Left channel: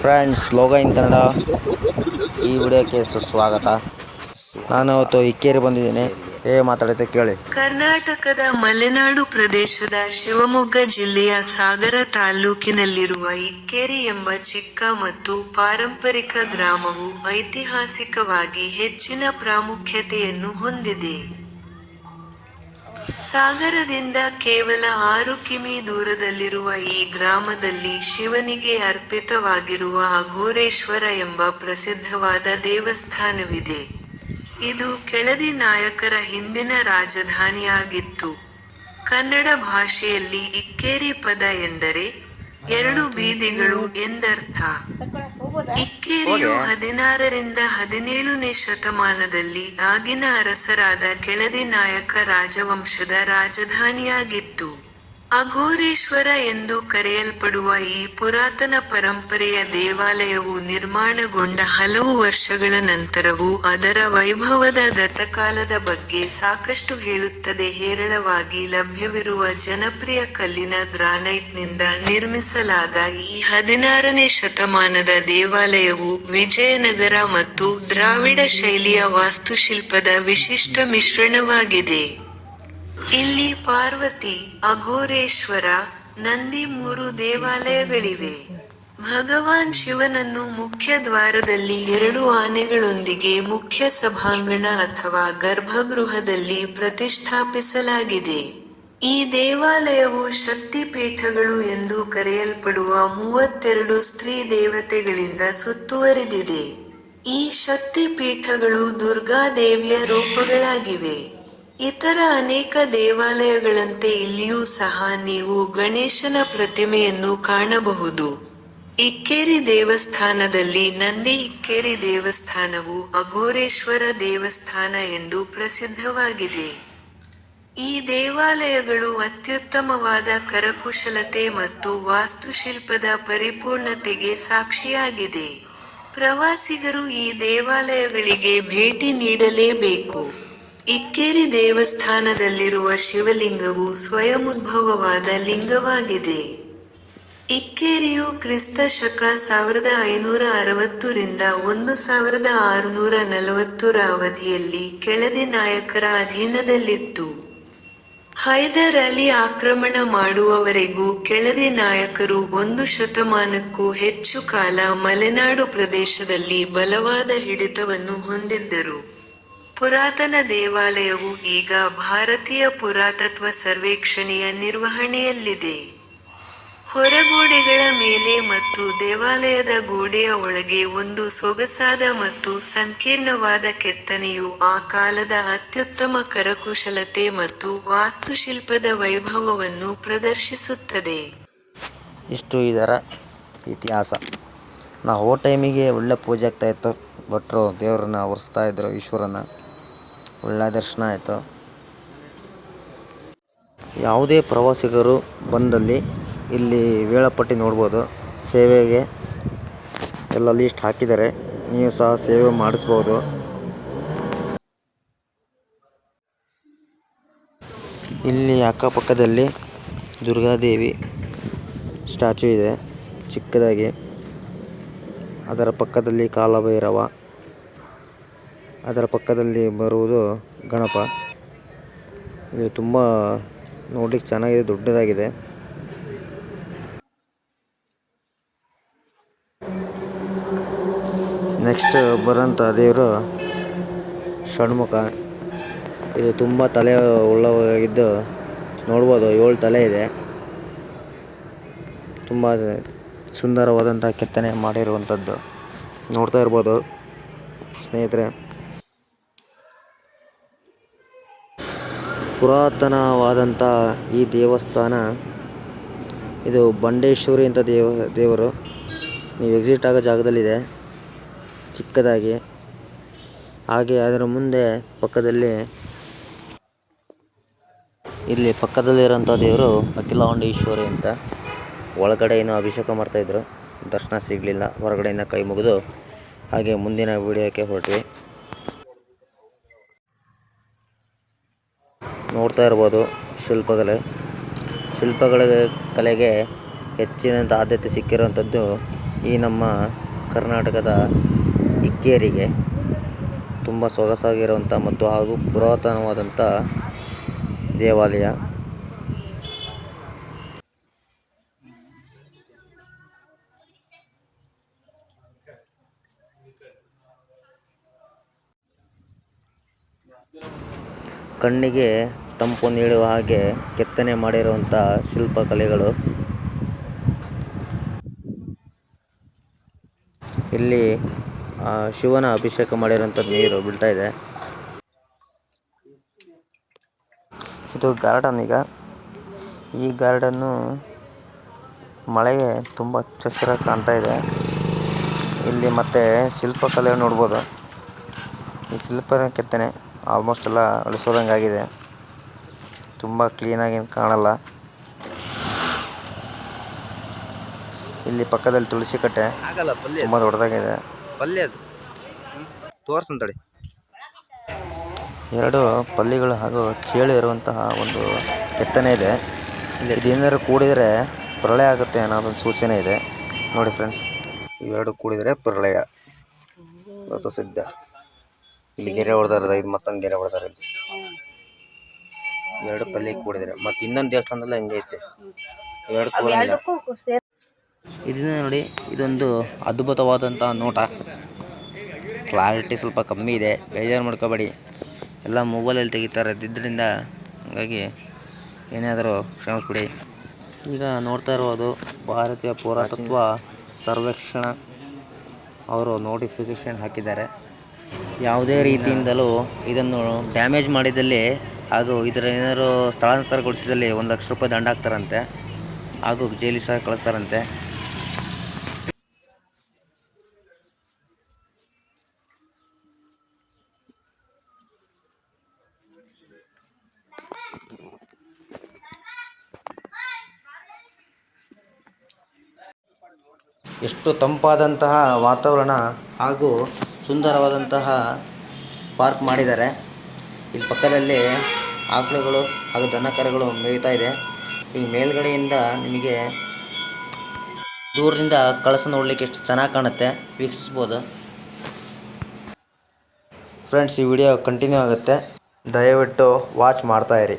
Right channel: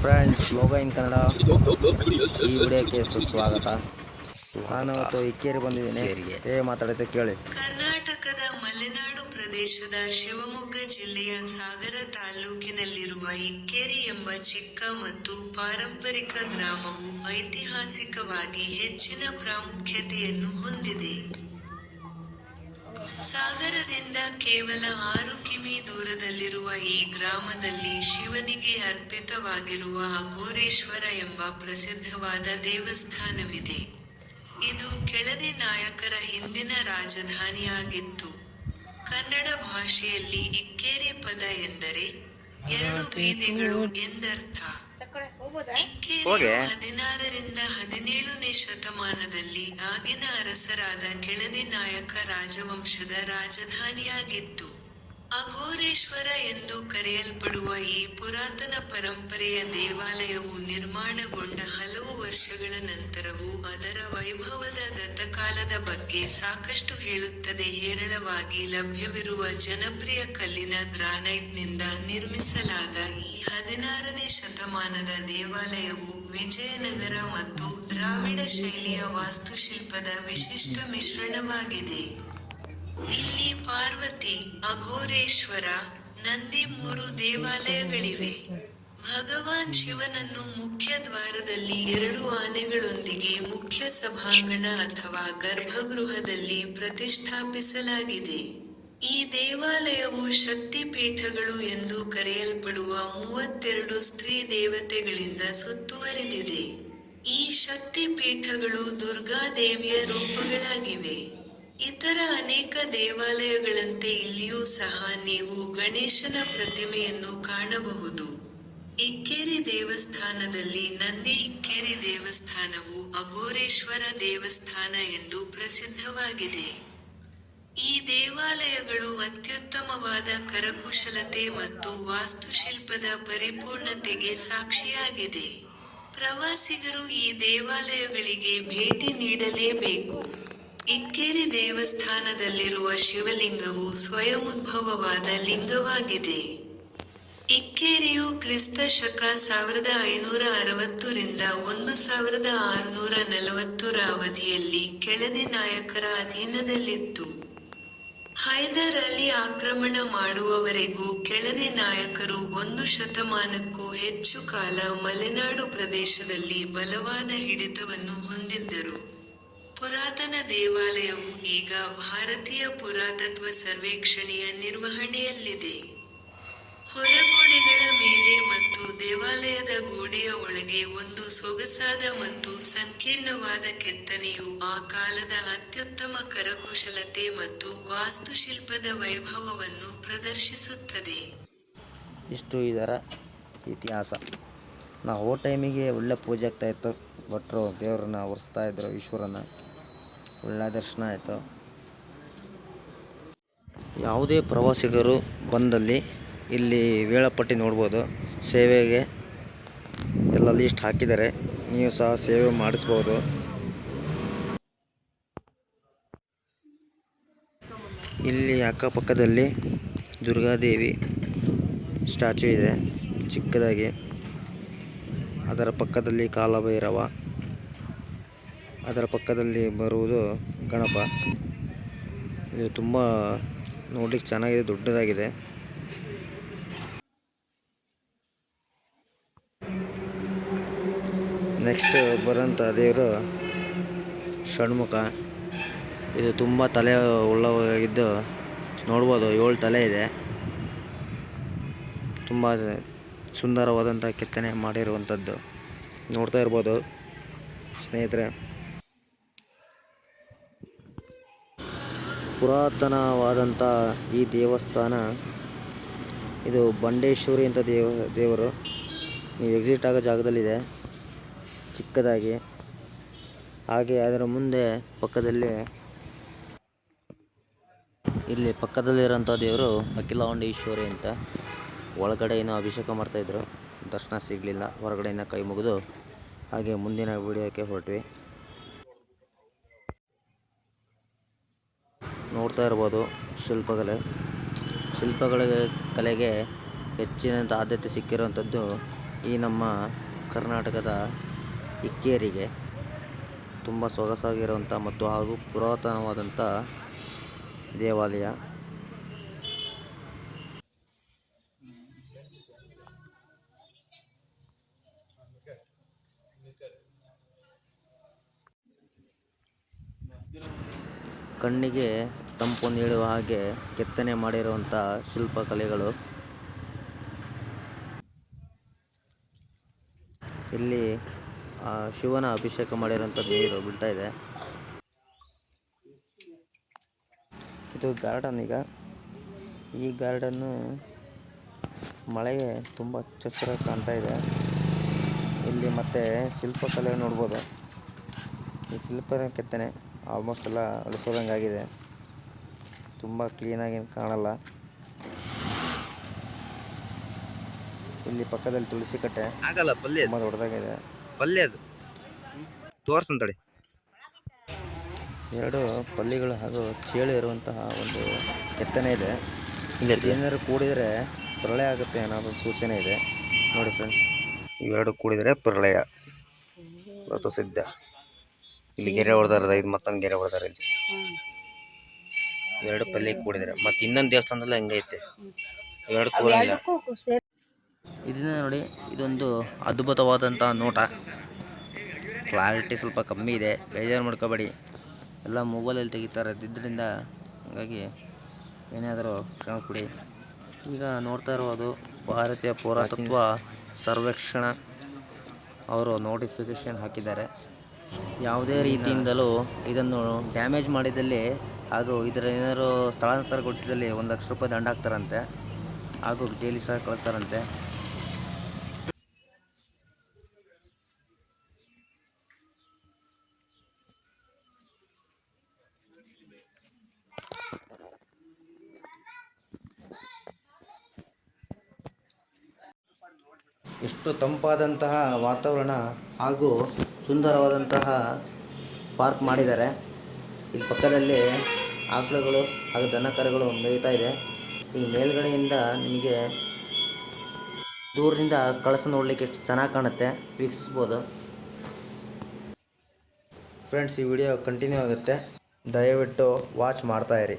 Friends, ಲೋಗ ಇನ್ ಕನ್ನಡ ಈ ವಿಡಿಯೋಕ್ಕೆ ಸುಸ್ವಾಗತ. ನಾನು ಇವತ್ತು ಇಕ್ಕೇರಿ ಬಂದಿದ್ದೀನಿ. ಮಾತಾಡುತ್ತೆ ಕೇಳಿ. ಕರ್ನಾಟಕದ ಮಲೆನಾಡು ಪ್ರದೇಶದ ಶಿವಮೊಗ್ಗ ಜಿಲ್ಲೆಯ ಸಾಗರ ತಾಲ್ಲೂಕಿನಲ್ಲಿರುವ ಇಕ್ಕೇರಿ ಎಂಬ ಚಿಕ್ಕ ಮತ್ತು ಪಾರಂಪರಿಕ ಗ್ರಾಮವು ಐತಿಹಾಸಿಕವಾಗಿ ಹೆಚ್ಚಿನ ಪ್ರಾಮುಖ್ಯತೆಯನ್ನು ಹೊಂದಿದೆ. ಸಾಗರದಿಂದ ಕೇವಲ 6 ಕಿಮೀ ದೂರದಲ್ಲಿರುವ ಈ ಗ್ರಾಮದಲ್ಲಿ ಶಿವನಿಗೆ ಅರ್ಪಿತವಾಗಿರುವ ಅಘೋರೇಶ್ವರ ಎಂಬ ಪ್ರಸಿದ್ಧವಾದ ದೇವಸ್ಥಾನವಿದೆ. ಇದು ಕೆಳದಿ ನಾಯಕರ ಹಿಂದಿನ ರಾಜಧಾನಿಯಾಗಿತ್ತು. ಕನ್ನಡ ಭಾಷೆಯಲ್ಲಿ ಇಕ್ಕೇರಿ ಪದ ಎಂದರೆ 2 ಬೀದಿಗಳು ಎಂದರ್ಥ. ಇಕ್ಕೇರಿಯು 16 ರಿಂದ 17ನೇ ಶತಮಾನದಲ್ಲಿ ಆಗಿನ ಅರಸರಾದ ಕೆಳದಿ ನಾಯಕ ರಾಜವಂಶದ ರಾಜಧಾನಿಯಾಗಿತ್ತು. ಅಘೋರೇಶ್ವರ ಎಂದು ಕರೆಯಲ್ಪಡುವ ಈ ಪುರಾತನ ಪರಂಪರೆಯ ದೇವಾಲಯವು ನಿರ್ಮಾಣಗೊಂಡ ಹಲವು ವರ್ಷಗಳ ನಂತರವೂ ಅದರ ವೈಭವದ ಗತಕಾಲದ ಬಗ್ಗೆ ಸಾಕಷ್ಟು ಹೇಳುತ್ತದೆ. ಹೇರಳವಾಗಿ ಲಭ್ಯವಿರುವ ಜನಪ್ರಿಯ ಕಲ್ಲಿನ ಗ್ರಾನೈಟ್ನಿಂದ ನಿರ್ಮಿಸಲಾದ ಈ 16ನೇ ಶತಮಾನದ ದೇವಾಲಯವು ವಿಜಯನಗರ ಮತ್ತು ದ್ರಾವಿಡ ಶೈಲಿಯ ವಾಸ್ತುಶಿಲ್ಪದ ವಿಶಿಷ್ಟ ಮಿಶ್ರಣವಾಗಿದೆ. ಇಲ್ಲಿ ಪಾರ್ವತಿ, ಅಘೋರೇಶ್ವರ, ನಂದಿ 3 ದೇವಾಲಯಗಳಿವೆ. ಭಗವಾನ್ ಶಿವನನ್ನು ಮುಖ್ಯ ದ್ವಾರದಲ್ಲಿ 2 ಆನೆಗಳೊಂದಿಗೆ ಮುಖ್ಯ ಸಭಾಂಗಣ ಅಥವಾ ಗರ್ಭಗೃಹದಲ್ಲಿ ಪ್ರತಿಷ್ಠಾಪಿಸಲಾಗಿದೆ. ಈ ದೇವಾಲಯವು ಶಕ್ತಿಪೀಠಗಳು ಎಂದು ಕರೆಯಲ್ಪಡುವ 32 ಸ್ತ್ರೀ ದೇವತೆಗಳಿಂದ ಸುತ್ತುವರಿದಿದೆ. ಈ ಶಕ್ತಿಪೀಠಗಳು ದುರ್ಗಾದೇವಿಯ ರೂಪಗಳಾಗಿವೆ. ಇತರ ಅನೇಕ ದೇವಾಲಯಗಳಂತೆ ಇಲ್ಲಿಯೂ ಸಹ ನೀವು ಗಣೇಶನ ಪ್ರತಿಮೆಯನ್ನು ಕಾಣಬಹುದು. ಇಕ್ಕೇರಿ ದೇವಸ್ಥಾನದಲ್ಲಿ ನಂದಿ ಇಕ್ಕೇರಿ ದೇವಸ್ಥಾನವು ಅಘೋರೇಶ್ವರ ದೇವಸ್ಥಾನ ಎಂದು ಪ್ರಸಿದ್ಧವಾಗಿದೆ. ಈ ದೇವಾಲಯಗಳು ಅತ್ಯುತ್ತಮವಾದ ಕರಕುಶಲತೆ ಮತ್ತು ವಾಸ್ತುಶಿಲ್ಪದ ಪರಿಪೂರ್ಣತೆಗೆ ಸಾಕ್ಷಿಯಾಗಿದೆ. ಪ್ರವಾಸಿಗರು ಈ ದೇವಾಲಯಗಳಿಗೆ ಭೇಟಿ ನೀಡಲೇಬೇಕು. ಇಕ್ಕೇರಿ ದೇವಸ್ಥಾನದಲ್ಲಿರುವ ಶಿವಲಿಂಗವು ಸ್ವಯಂಉದ್ಭವವಾದ ಲಿಂಗವಾಗಿದೆ. ಇಕ್ಕೇರಿಯು ಕ್ರಿಸ್ತ ಶಕ 1560 ರಿಂದ 1640 ರ ಅವಧಿಯಲ್ಲಿ ಕೆಳದಿ ನಾಯಕರ ಅಧೀನದಲ್ಲಿತ್ತು. ಹೈದರ್ ಅಲಿ ಆಕ್ರಮಣ ಮಾಡುವವರೆಗೂ ಕೆಳದಿ ನಾಯಕರು 1 ಶತಮಾನಕ್ಕೂ ಹೆಚ್ಚು ಕಾಲ ಮಲೆನಾಡು ಪ್ರದೇಶದಲ್ಲಿ ಬಲವಾದ ಹಿಡಿತವನ್ನು ಹೊಂದಿದ್ದರು. ಪುರಾತನ ದೇವಾಲಯವು ಈಗ ಭಾರತೀಯ ಪುರಾತತ್ವ ಸರ್ವೇಕ್ಷಣೆಯ ನಿರ್ವಹಣೆಯಲ್ಲಿದೆ. ಹೊರಗೋಡೆಗಳ ಮೇಲೆ ಮತ್ತು ದೇವಾಲಯದ ಗೋಡೆಯ ಒಳಗೆ ಒಂದು ಸೊಗಸಾದ ಮತ್ತು ಸಂಕೀರ್ಣವಾದ ಕೆತ್ತನೆಯು ಆ ಕಾಲದ ಅತ್ಯುತ್ತಮ ಕರಕುಶಲತೆ ಮತ್ತು ವಾಸ್ತುಶಿಲ್ಪದ ವೈಭವವನ್ನು ಪ್ರದರ್ಶಿಸುತ್ತದೆ. ಇಷ್ಟು ಇದರ ಇತಿಹಾಸ. ನಾವು ಟೈಮಿಗೆ ಒಳ್ಳೆ ಪೂಜೆ ಆಗ್ತಾಯಿತ್ತು. ಭಟ್ರು ದೇವ್ರನ್ನ ಒರೆಸ್ತಾ ಇದ್ರು, ಈಶ್ವರನ. ಒಳ್ಳೆ ದರ್ಶನ ಆಯಿತು. ಯಾವುದೇ ಪ್ರವಾಸಿಗರು ಬಂದಲ್ಲಿ ಇಲ್ಲಿ ವೇಳಾಪಟ್ಟಿ ನೋಡ್ಬೋದು. ಸೇವೆಗೆ ಎಲ್ಲ ಲೀಸ್ಟ್ ಹಾಕಿದ್ದಾರೆ. ನೀವು ಸಹ ಸೇವೆ ಮಾಡಿಸ್ಬೋದು. ಇಲ್ಲಿ ಅಕ್ಕಪಕ್ಕದಲ್ಲಿ ದುರ್ಗಾದೇವಿ ಸ್ಟ್ಯಾಚು ಇದೆ ಚಿಕ್ಕದಾಗಿ. ಅದರ ಪಕ್ಕದಲ್ಲಿ ಕಾಲಭೈರವ, ಅದರ ಪಕ್ಕದಲ್ಲಿ ಬರುವುದು ಗಣಪ. ಇದು ತುಂಬ ನೋಡ್ಲಿಕ್ಕೆ ಚೆನ್ನಾಗಿದೆ, ದೊಡ್ಡದಾಗಿದೆ. ನೆಕ್ಸ್ಟ್ ಬರೋಂಥ ದೇವರು ಷಣ್ಮುಖ. ಇದು ತುಂಬ ತಲೆ ಉಳ್ಳವಾಗಿದ್ದು ನೋಡ್ಬೋದು. 7 ತಲೆ ಇದೆ. ತುಂಬ ಸುಂದರವಾದಂಥ ಕೆತ್ತನೆ ಮಾಡಿರುವಂಥದ್ದು ನೋಡ್ತಾ ಇರ್ಬೋದು ಸ್ನೇಹಿತರೆ. ಪುರಾತನವಾದಂಥ ಈ ದೇವಸ್ಥಾನ, ಇದು ಬಂಡೇಶ್ವರಿ ಅಂತ ದೇವರು. ನೀವು ಎಕ್ಸಿಟ್ ಆಗೋ ಜಾಗದಲ್ಲಿದೆ ಚಿಕ್ಕದಾಗಿ. ಹಾಗೆ ಅದರ ಮುಂದೆ ಇಲ್ಲಿ ಪಕ್ಕದಲ್ಲಿರೋಂಥ ದೇವರು ಅಖಿಲಾಂಡೇಶ್ವರಿ ಅಂತ. ಒಳಗಡೆ ಏನೋ ಅಭಿಷೇಕ ಮಾಡ್ತಾಯಿದ್ರು, ದರ್ಶನ ಸಿಗಲಿಲ್ಲ. ಹೊರಗಡೆಯಿಂದ ಕೈ ಮುಗಿದು ಹಾಗೆ ಮುಂದಿನ ವಿಡಿಯೋಕ್ಕೆ ಹೊರಟ್ವಿ. ನೋಡ್ತಾ ಇರ್ಬೋದು ಶಿಲ್ಪಗಳ ಕಲೆಗೆ ಹೆಚ್ಚಿನಂಥ ಆದ್ಯತೆ ಸಿಕ್ಕಿರೋಂಥದ್ದು ಈ ನಮ್ಮ ಕರ್ನಾಟಕದ ಇಕ್ಕೇರಿಗೆ ತುಂಬ ಸೊಗಸಾಗಿರುವಂಥ ಮತ್ತು ಹಾಗೂ ಪುರಾತನವಾದಂಥ ದೇವಾಲಯ. ಕಣ್ಣಿಗೆ ತಂಪು ನೀಡುವ ಹಾಗೆ ಕೆತ್ತನೆ ಮಾಡಿರುವಂಥ ಶಿಲ್ಪಕಲೆಗಳು. ಇಲ್ಲಿ ಶಿವನ ಅಭಿಷೇಕ ಮಾಡಿರುವಂಥ ನೀರು ಬೀಳ್ತಾ ಇದೆ. ಇದು ಗಾರ್ಡನ್. ಈಗ ಈ ಗಾರ್ಡನ್ನು ಮಳೆಗೆ ತುಂಬ ಹಚ್ಚರಾಗಿ ಕಾಣ್ತಾ ಇದೆ. ಇಲ್ಲಿ ಮತ್ತೆ ಶಿಲ್ಪಕಲೆ ನೋಡ್ಬೋದು. ಈ ಶಿಲ್ಪ ಕೆತ್ತನೆ ಆಲ್ಮೋಸ್ಟ್ ಎಲ್ಲ ಅಳಿಸೋದಂಗಾಗಿದೆ. ತುಂಬ ಕ್ಲೀನಾಗಿ ಕಾಣಲ್ಲ. ಇಲ್ಲಿ ಪಕ್ಕದಲ್ಲಿ ತುಳಸಿ ಕಟ್ಟೆ ತುಂಬ ದೊಡ್ಡದಾಗಿದೆ. ಎರಡು ಪಲ್ಲಿಗಳು ಹಾಗೂ ಚೇಳು ಇರುವಂತಹ ಒಂದು ಕೆತ್ತನೆ ಇದೆ. ಇದೇನಾದ್ರು ಕೂಡಿದರೆ ಪ್ರಳಯ ಆಗುತ್ತೆ ಅನ್ನೋದೊಂದು ಸೂಚನೆ ಇದೆ. ನೋಡಿ ಫ್ರೆಂಡ್ಸ್, ಇವೆರಡು ಕೂಡಿದರೆ ಪ್ರಳಯ ಅದು ಸಿದ್ಧ. ಇಲ್ಲಿ ಗೆರೆ ಹೊಡೆದಾರದ, ಇದು ಮತ್ತೊಂದು ಗೆರೆ ಹೊಡೆದಾರ. ಇಲ್ಲಿ ಎರಡು ಪಲ್ಲಿ ಕೂಡಿದರೆ ಮತ್ತು ಇನ್ನೊಂದು ದೇವಸ್ಥಾನದಲ್ಲಿ ಹಂಗೆ ಐತೆ. ಎರಡು ಕೂಡಿಲ್ಲ. ಇದನ್ನ ನೋಡಿ, ಇದೊಂದು ಅದ್ಭುತವಾದಂಥ ನೋಟ. ಕ್ಲಾರಿಟಿ ಸ್ವಲ್ಪ ಕಮ್ಮಿ ಇದೆ, ಬೇಜಾರು ಮಾಡ್ಕೋಬೇಡಿ. ಎಲ್ಲ ಮೊಬೈಲಲ್ಲಿ ತೆಗಿತಾರೆ ಇದ್ರಿಂದ, ಹಾಗಾಗಿ ಏನಾದರೂ ಕ್ಷಮಿಸ್ಬಿಡಿ. ಈಗ ನೋಡ್ತಾ ಇರೋದು ಭಾರತೀಯ ಪುರಾತತ್ವ ಸರ್ವೇಕ್ಷಣ ಅವರು ನೋಟಿಫಿಕೇಷನ್ ಹಾಕಿದ್ದಾರೆ. ಯಾವುದೇ ರೀತಿಯಿಂದಲೂ ಇದನ್ನು ಡ್ಯಾಮೇಜ್ ಮಾಡಿದಲ್ಲಿ ಹಾಗೂ ಇದರ ಏನಾದರೂ ಸ್ಥಳಾಂತರಗೊಳಿಸಿದಲ್ಲಿ 1 ಲಕ್ಷ ರೂಪಾಯಿ ದಂಡ ಹಾಕ್ತಾರಂತೆ ಹಾಗೂ ಜೈಲಿಗೆ ಸಹ ಕಳಿಸ್ತಾರಂತೆ. ಎಷ್ಟು ತಂಪಾದಂತಹ ವಾತಾವರಣ ಹಾಗೂ ಸುಂದರವಾದಂತಹ ಪಾರ್ಕ್ ಮಾಡಿದ್ದಾರೆ. ಇಲ್ಲಿ ಪಕ್ಕದಲ್ಲಿ ಆಕಳುಗಳು ಹಾಗೂ ದನಕರುಗಳು ಮೇಯ್ತಾ ಇದೆ. ಈ ಮೇಲ್ಗಡೆಯಿಂದ ನಿಮಗೆ ದೂರದಿಂದ ಕಳಸ ನೋಡಲಿಕ್ಕೆ ಎಷ್ಟು ಚೆನ್ನಾಗಿ ಕಾಣುತ್ತೆ, ವೀಕ್ಷಿಸ್ಬೋದು. ಫ್ರೆಂಡ್ಸ್, ಈ ವಿಡಿಯೋ ಕಂಟಿನ್ಯೂ ಆಗುತ್ತೆ, ದಯವಿಟ್ಟು ವಾಚ್ ಮಾಡ್ತಾಯಿರಿ.